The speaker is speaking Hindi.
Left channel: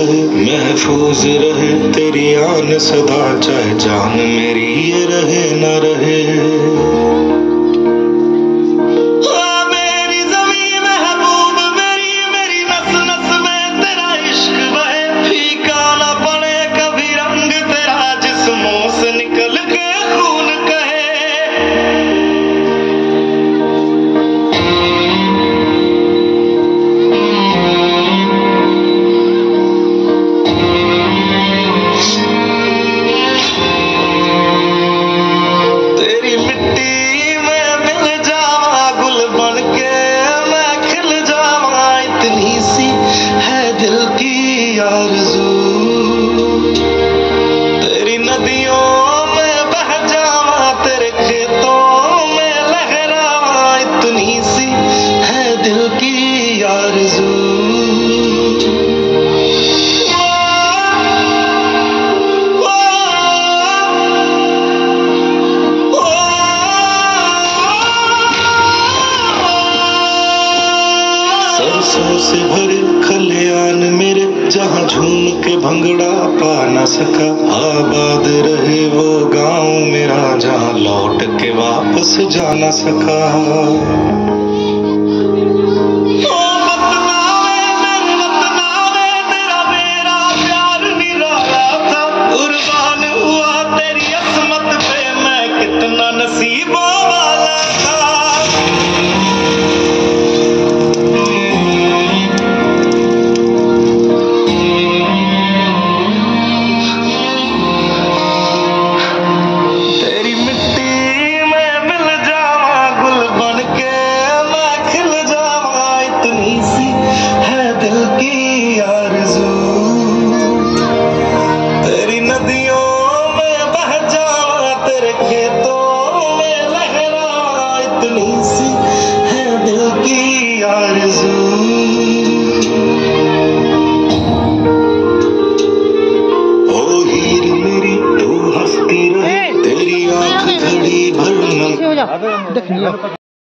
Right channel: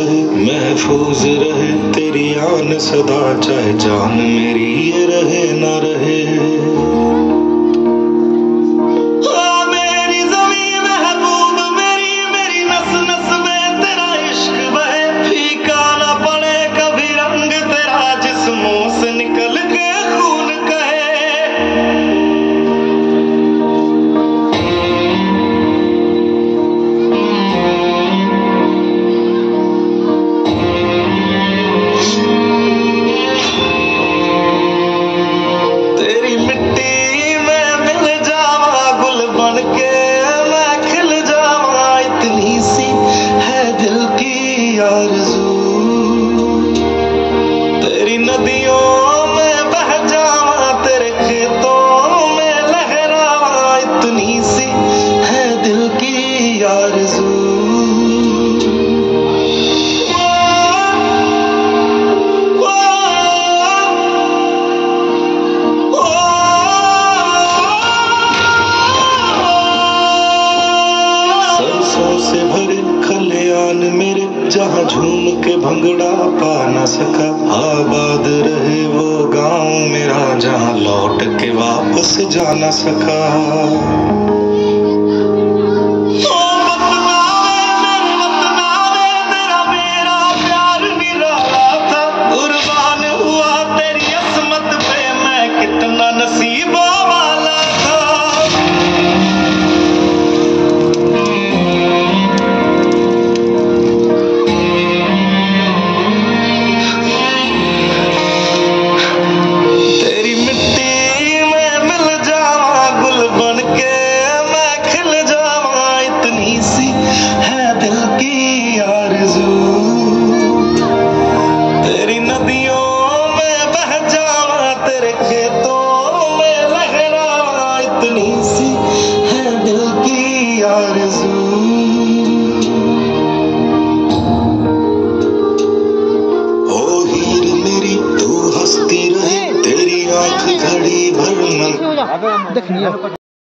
कहे महफूज रहे तेरी आन सदा, चाहे जान मेरी ये रहे न रहे। तेरी नदियों में बह जावा, तेरे खेतों में लहरावा, इतनी सी है दिल की आरज़ू। सरसों से भरे खलियान मेरे, जहाँ झूम के भंगड़ा पा न सका, आबाद रहे वो गांव मेरा, जहाँ लौट के वापस जा न सका।